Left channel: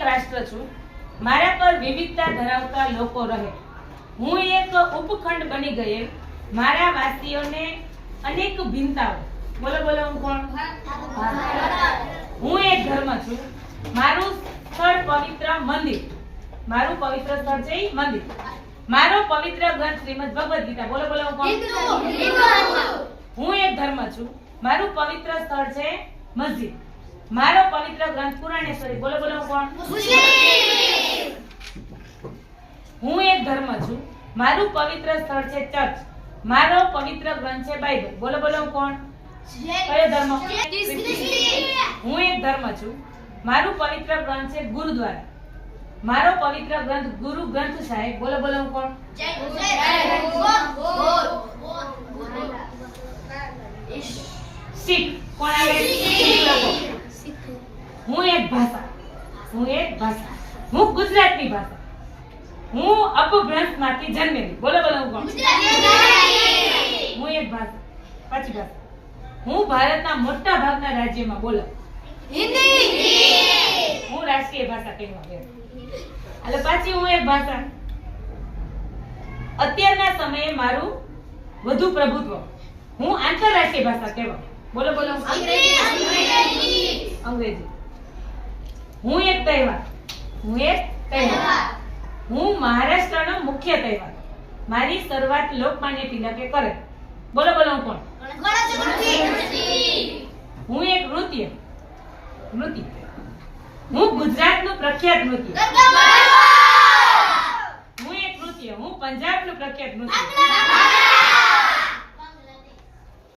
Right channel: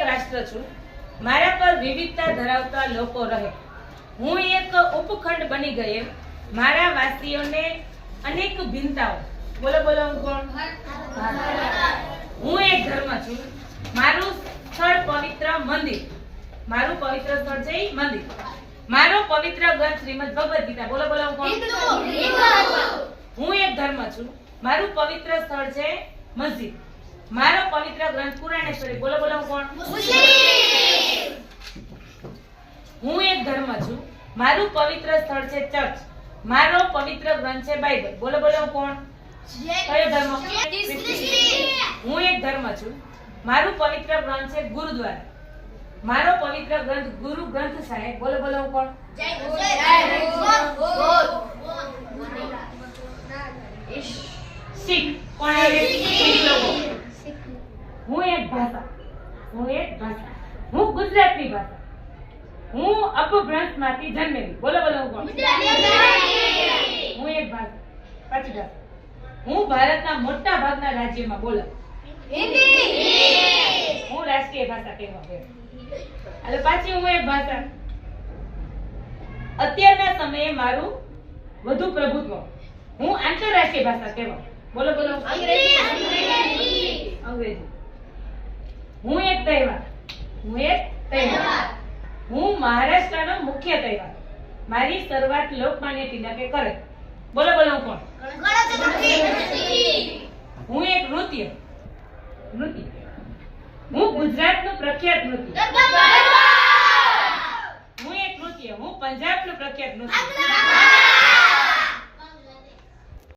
એક રાષ્ટ્ર છું. મારા પર વિવિધતા ધરાવતા લોકો રહે. હું એક ઉપખંડ બની ગયે. મારા વાસીઓને અનેક ભિન્નતાઓ. બોલો બોલો હું કોણ? હું એક ધર્મ છું. મારું સ્થળ પવિત્ર મંદિર. મારું પવિત્ર સ્થળ છે મંદિર. મારો પવિત્ર ગ્રંથ શ્રીમદ ભગવદ ગીતા. બોલો બોલો હું કોણ? હું એક ધર્મ છું. મારું પવિત્ર સ્થળ છે મસ્જિદ. મારો પવિત્ર ગ્રંથ પુરાણેશ્વરી બોલો બોલો કોણ? હું એક ધર્મ છું. મારું પવિત્ર સ્થળ છે ચર્ચ. મારો પવિત્ર ગ્રંથ છે બાઇબલ. બોલો બોલો કોણ? કયો ધર્મ? હું એક ધર્મ છું. મારું પવિત્ર ગ્રંથ છે ગુરુદ્વારા. મારો પવિત્ર ગ્રંથ ગુરુ ગ્રંથ સાહેબ. બોલો બોલો કોણ? શીખ. કોણ આવે શીખ લોકો હું એક ભાષા હું એક ભાષા. હું ગુજરાતની ભાષા. હું અપભ્રંશમાંથી જન્મેલી. બોલો બોલો હું હું એક ભાષા. પાછી ભાષા. હું ભારતના મોટા ભાગના રાજ્યમાં બોલો. હું રાષ્ટ્રીય ભાષા કહેવા ગયો એટલે પાછી હું એક ભાષા. અત્યારના સમયે મારું વધુ પ્રભુત્વ. હું આંતરરાષ્ટ્રીય ભાષા કહેવા. બોલો બોલો. અંગ્રેજી. હું એક તહેવાર. હું એક તહેવાર. હું મહારાષ્ટ્રનો મુખ્ય તહેવાર. મારી શરૂઆત લોકમાન્ય તિલકે કરે. બોલો બોલો હું કોણ? હું એક નૃત્ય. નૃત્ય. હું ગુજરાતનું પ્રખ્યાત નૃત્ય. હું એક નૃત્ય. હું પંજાબનું પ્રખ્યાત નૃત્ય.